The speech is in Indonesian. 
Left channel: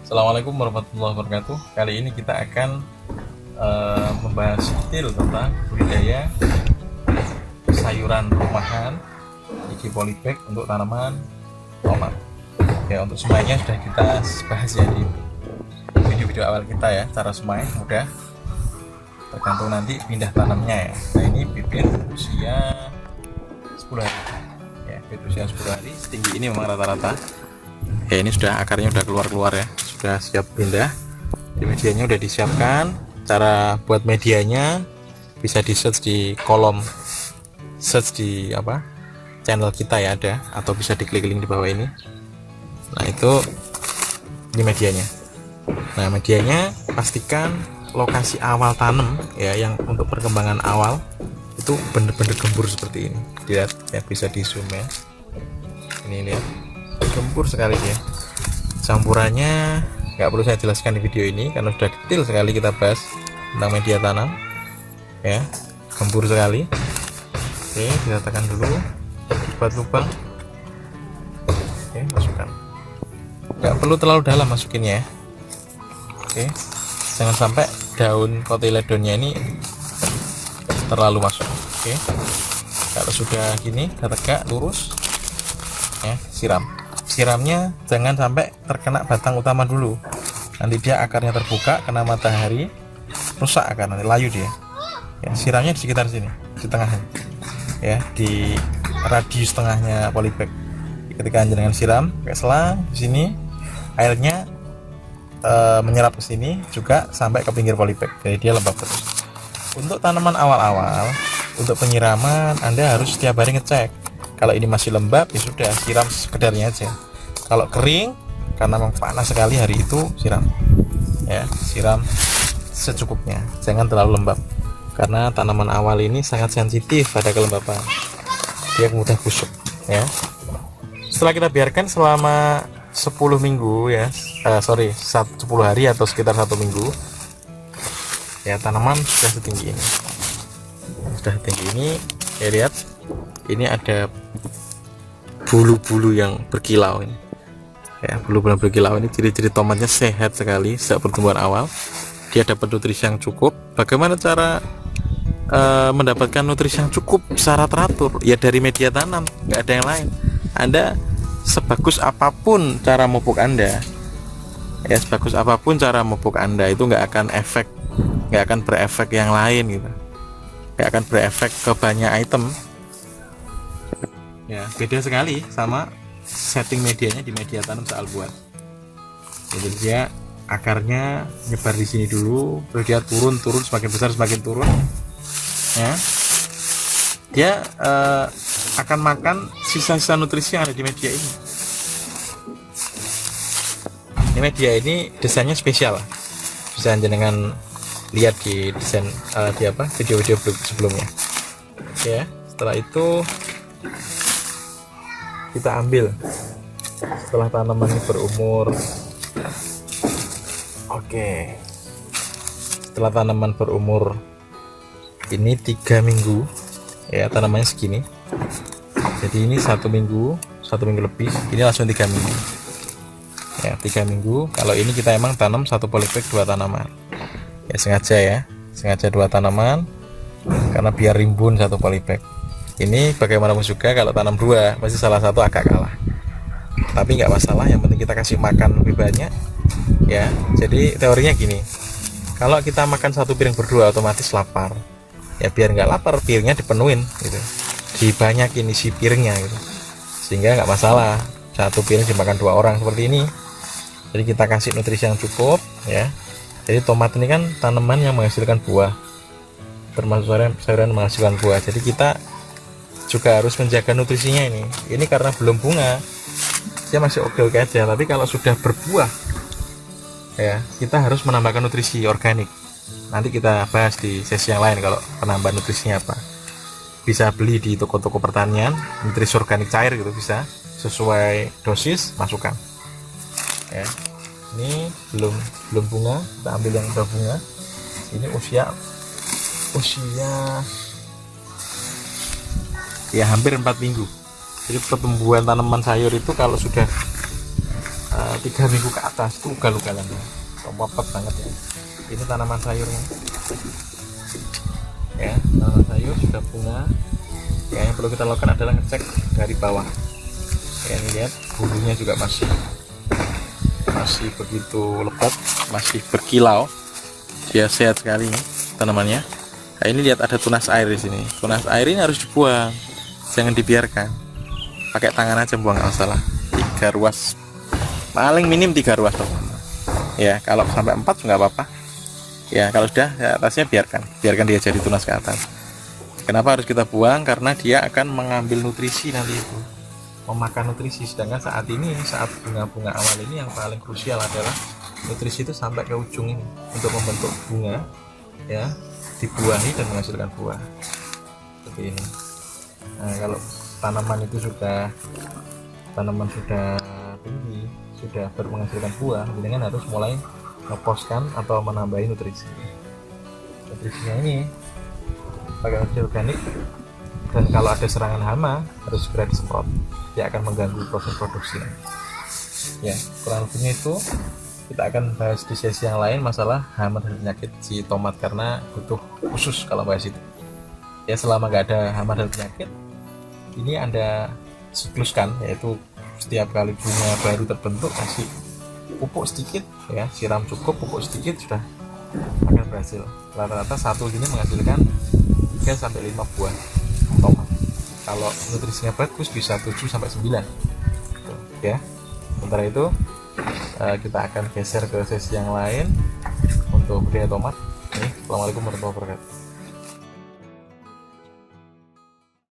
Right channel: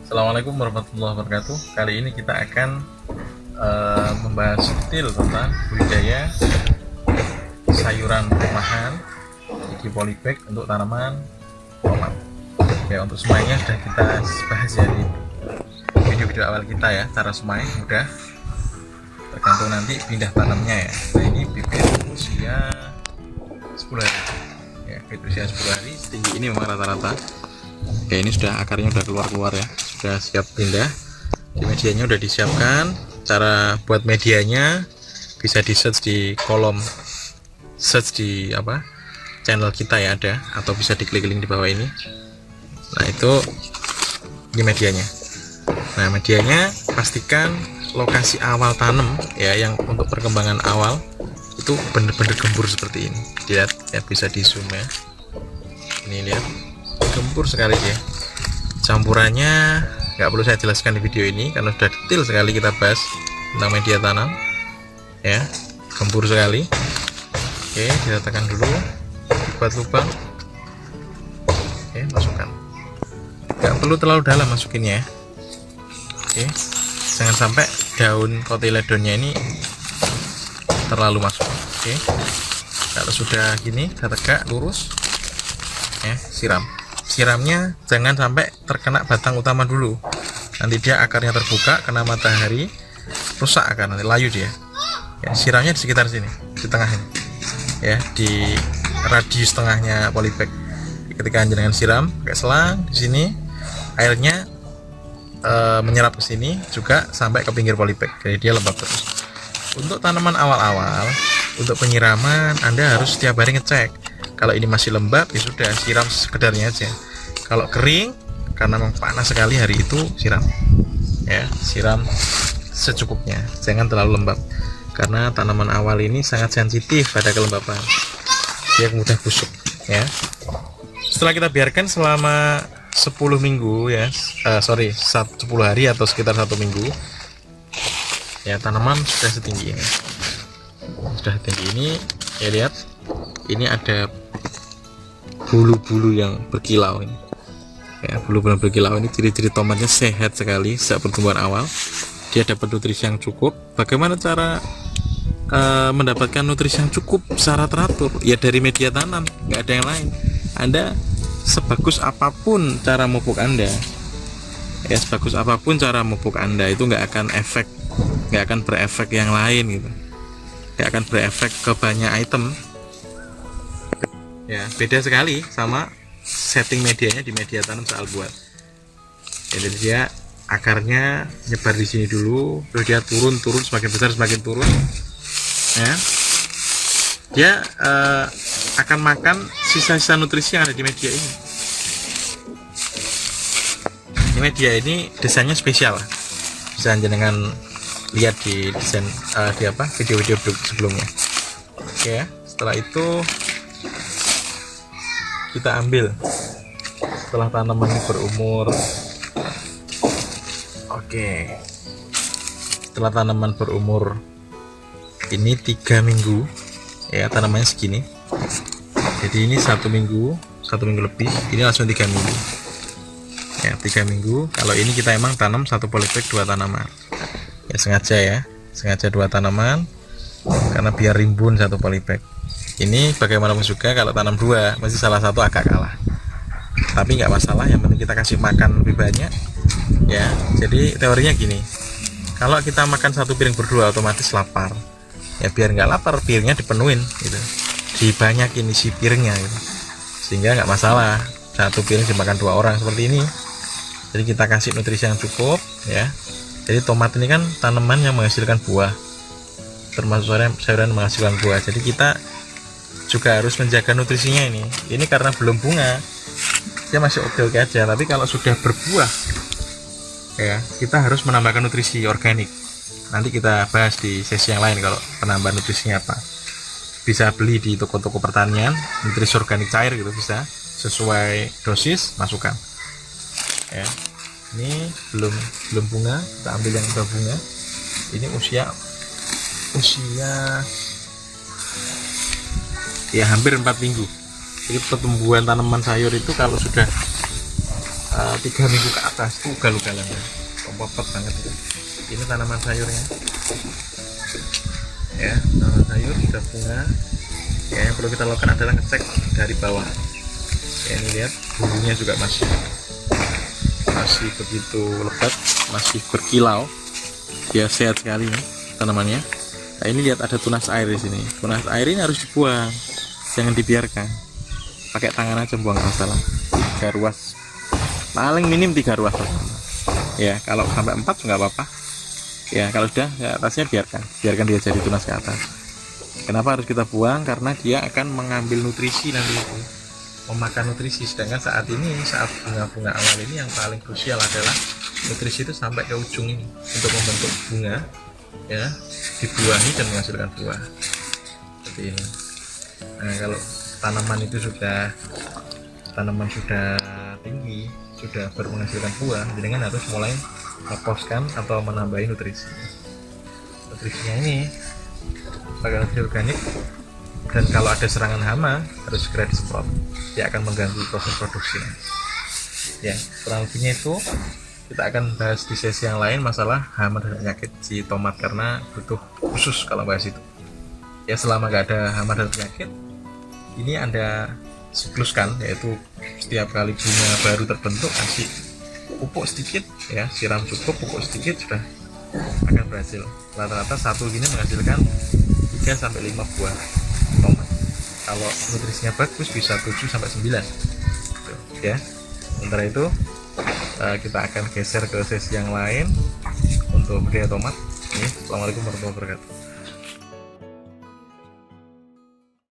Assalamualaikum warahmatullahi wabarakatuh. Kali ini kita akan membahas detail tentang budidaya sayuran rumahan di polybag untuk tanaman tomat. Ya, untuk semuanya sudah kita bahas ya di video-video awal kita ya. Cara semai mudah, tergantung nanti pindah tanamnya ya. Nah, ini bibit usia 10 hari ya, bibit usia 10 hari setinggi ini memang rata-rata ya. Ini sudah akarnya sudah keluar ya, sudah siap pindah. Di medianya sudah disiapkan. Cara buat medianya bisa di search di kolom search di channel kita ya, ada, atau bisa diklik link di bawah ini. Nah, itu di medianya. Nah, medianya pastikan lokasi awal tanam ya, yang untuk perkembangan awal itu bener-bener gembur seperti ini. Lihat ya, bisa di zoom ya. Ini lihat, gembur sekali ya. Campurannya nggak perlu saya jelaskan di video ini karena sudah detail sekali kita bahas tentang media tanam ya. Gembur sekali. Oke, diratakan dulu, buat lubang. Oke, masukkan. Nggak perlu terlalu dalam masukinnya ya. Oke, jangan sampai daun kotiledonnya ini terlalu masuk. Oke, kalau sudah gini, sudah tegak lurus ya, siramnya jangan sampai terkena batang utama dulu, nanti dia akarnya terbuka, kena matahari, rusak akar, nanti layu dia ya. Siramnya di sekitar sini, di tengahnya ya, di radius tengahnya polybag. Ketika jenengan siram pakai selang di sini, airnya menyerap ke sini juga sampai ke pinggir polybag, jadi dia lembab terus. Untuk tanaman awal-awal, untuk penyiraman Anda harus setiap hari ngecek. Kalau ini masih lembab ya sudah, siram sekedarnya aja. Kalau kering karena memang panas sekali hari itu, siram ya, siram secukupnya, jangan terlalu lembab karena tanaman awal ini sangat sensitif pada kelembapan, dia mudah busuk ya. Setelah kita biarkan selama 10 minggu ya, 10 hari atau sekitar 1 minggu ya, tanaman sudah setinggi ini, ya. Lihat, ini ada bulu-bulu yang berkilau ini ya, bulu-bulu berkilau ini ciri-ciri tomatnya sehat sekali sejak pertumbuhan awal. Dia dapat nutrisi yang cukup. Bagaimana cara mendapatkan nutrisi yang cukup secara teratur? Ya dari media tanam, nggak ada yang lain. Anda sebagus apapun cara pupuk Anda ya, sebagus apapun cara pupuk Anda itu nggak akan berefek yang lain gitu, nggak akan berefek ke banyak item ya. Beda sekali sama setting medianya di media tanam soal buat. Jadi dia akarnya nyebar di sini dulu, terus dia turun semakin besar, semakin turun ya. Dia akan makan sisa-sisa nutrisi yang ada di media ini. Ini media ini desainnya spesial lah, bisa jenengan lihat di desain video-video sebelumnya. Oke ya, setelah itu kita ambil setelah tanaman ini berumur, setelah tanaman berumur ini 3 minggu ya, tanamannya segini. Jadi ini 1 minggu lebih, ini langsung 3 minggu ya, 3 minggu. Kalau ini kita emang tanam satu polybag 2 tanaman ya, sengaja 2 tanaman karena biar rimbun satu polybag. Ini bagaimanapun juga kalau tanam 2 pasti salah satu agak kalah, tapi nggak masalah, yang penting kita kasih makan lebih banyak ya. Jadi teorinya gini, kalau kita makan 1 piring berdua otomatis lapar ya, biar nggak lapar piringnya dipenuhin gitu, dibanyakin isi piringnya gitu, sehingga nggak masalah 1 piring dimakan 2 orang seperti ini. Jadi kita kasih nutrisi yang cukup ya. Jadi tomat ini kan tanaman yang menghasilkan buah, termasuk sayuran menghasilkan buah, jadi kita juga harus menjaga nutrisinya ini. Ini karena belum bunga, dia masih oke-oke aja, tapi kalau sudah berbuah ya, kita harus menambahkan nutrisi organik. Nanti kita bahas di sesi yang lain kalau penambahan nutrisinya apa. Bisa beli di toko-toko pertanian, nutrisi organik cair gitu, bisa sesuai dosis masukkan ya. Ini belum bunga, kita ambil yang udah bunga. Ini usia ya hampir 4 minggu. Jadi pertumbuhan tanaman sayur itu kalau sudah 3 minggu ke atas tuh ugal-ugalan, popot banget ya. Ini tanaman sayurnya ya, tanaman sayur sudah bunga ya. Yang perlu kita lakukan adalah ngecek dari bawah ya. Ini lihat bumbunya juga masih begitu lebat, masih berkilau, dia sehat sekali ya, tanamannya. Nah ini lihat ada tunas air di sini. Tunas air ini harus dibuang, jangan dibiarkan. Pakai tangan aja buang, nggak salah. 3 ruas, paling minim 3 ruas ya. Kalau sampai 4 nggak apa-apa ya. Kalau sudah ya, atasnya biarkan dia jadi tunas ke atas. Kenapa harus kita buang? Karena dia akan mengambil nutrisi nanti itu, memakan nutrisi. Sedangkan saat bunga-bunga awal ini yang paling krusial adalah nutrisi itu sampai ke ujung ini untuk membentuk bunga ya, dibuahi dan menghasilkan buah seperti ini. Nah kalau tanaman sudah tinggi, sudah menghasilkan buah, dengan harus mulai ngeposkan atau menambahi nutrisinya ini pakai nutrisi organik. Dan kalau ada serangan hama harus segera disemprot, dia akan mengganggu proses produksi ya. Kurang lebihnya itu kita akan bahas di sesi yang lain masalah hama dan penyakit si tomat, karena butuh khusus kalau bahas itu ya. Selama nggak ada hama dan penyakit, ini Anda sikluskan, yaitu setiap kali bunga baru terbentuk kasih pupuk sedikit ya, siram cukup, pupuk sedikit, sudah akan berhasil. Rata-rata satu gini menghasilkan 3-5 buah tomat. Kalau nutrisinya bagus bisa 7-9 ya. Sementara itu kita akan geser ke sesi yang lain untuk budidaya tomat. Assalamualaikum warahmatullahi wabarakatuh.